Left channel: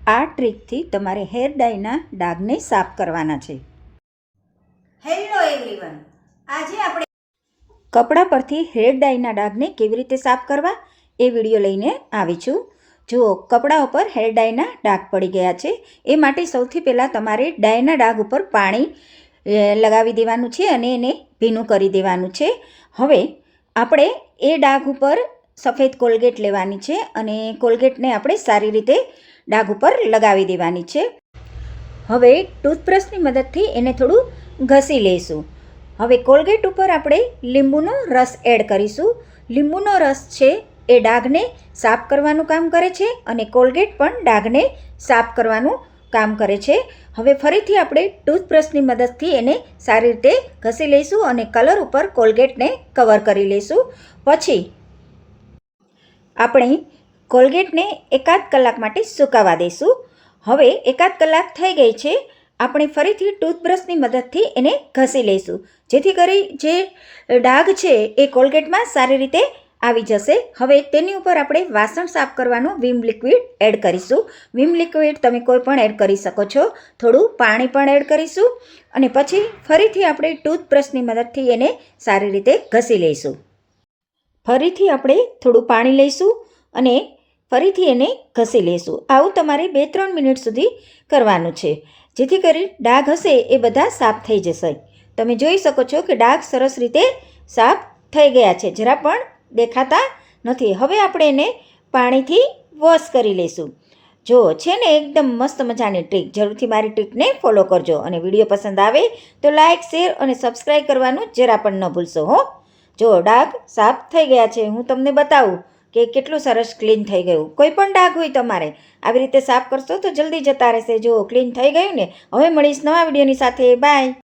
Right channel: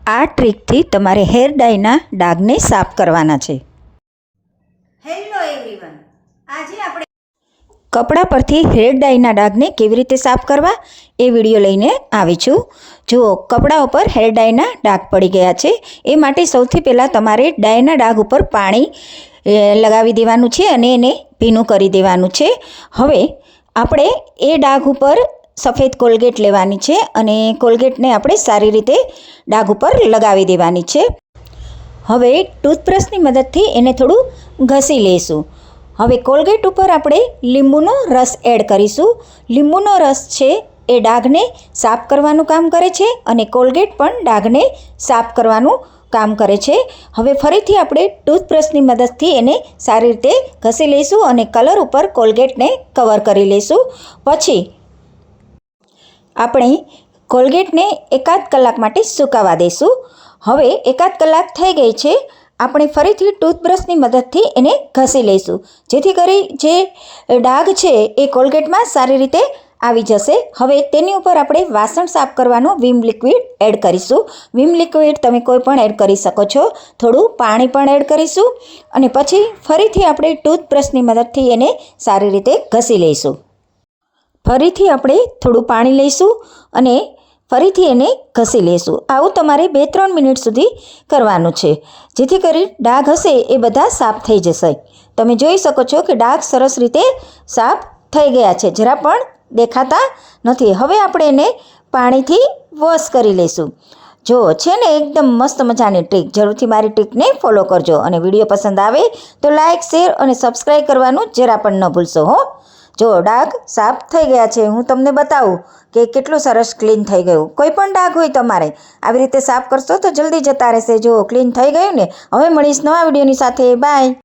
આ ટ્રીકથી તમારે hair Diana ડાઘને સાફ કરવાના છે. હેલો એવરીવન આજે આપણે કપડાં પરથી હેર ડાયના ડાઘને કેવી રીતે સાફ કરવા એ વીડિયો લઈને આવી છું. જુઓ કપડાં ઉપર હેર ડાયના ડાઘ પડી ગયા છે. એ માટે સૌથી પહેલાં તમારે ડાયના ડાઘ ઉપર પાણી લગાવી દેવાનું છે અને એને ભીનું કરી દેવાનું છે. હવે આપણે એ ડાઘ ઉપર સફેદ કોલગેટ લેવાની છે અને કોલગેટને આપણે સારી રીતે ડાઘ ઉપર લગાવી દેવાની છે. હવે ટૂથબ્રશની મદદથી એને થોડું ઘસી લઈશું. હવે કોલગેટ ઉપર આપણે લીંબુનો રસ એડ કરીશું. લીંબુનો રસ છે એ ડાઘને સાફ કરવાનું કામ કરે છે અને કોલગેટ પણ ડાઘને સાફ કરવાનું કામ કરે છે. હવે ફરીથી આપણે ટૂથબ્રશની મદદથી એને સારી રીતે ઘસી લઈશું અને કલર ઉપર કોલગેટને કવર કરી લઈશું. પછી આપણે કોલગેટને એકાદ કલાક માટે સુકાવા દઈશું. હવે એકાદ કલાક થઈ ગઈ છે. આપણે ફરીથી ટૂથબ્રશની મદદથી એને ઘસી લઈશું. જેથી કરી જે ડાઘ છે એ કોલગેટમાં સારી રીતે આવી જશે. હવે તેની ઉપર આપણે વાસણ સાફ કરવાનું વિમ લિક્વિડ એડ કરીશું. વિમ લિક્વિડ તમે કોઈ પણ એડ કરી શકો છો. થોડું પાણી પણ એડ કરીશું. અને પછી ફરીથી આપણે ટૂથબ્રશની મદદથી એને સારી રીતે ઘસી લઈશું. ફરીથી આપણે થોડું પાણી લઈશું અને ફરીથી એને ઘસી લઈશું. આવું તમારે બે ત્રણ મિનિટ સુધી કરવાનું છે. જેથી કરી ડાઘ હશે એ બધા સાફ થઈ જશે. તમે જોઈ શકો છો કે ડાઘ સરસ રીતે સાફ થઈ ગયા છે. જરા પણ દેખાતા નથી. હવે આપણે એને પાણીથી વોશ કરી લઈશું. જો છે ને એકદમ મસ્ત મજાની ટ્રીક. જરૂરથી મારી ટ્રીકને ફોલો કરજો અને વીડિયો પસંદ આવે તો લાઇક શેર અને સબસ્ક્રાઈબ કરવાનું જરા પણ ન ભૂલશો, હો. જો ડાઘ સાફ થઈ ગયા છે, હું તમને બતાવું કે કેટલું સરસ ક્લીન થઈ ગયું. કોઈ પણ ડાઘ હોય તમારે આવી રીતે સાફ કરશો તો જલ્દી જતા રહેશે. જો ક્લીન થઈ ગયું ને, હવે મળીશ નવા વિડીયોની સાથે. બાય.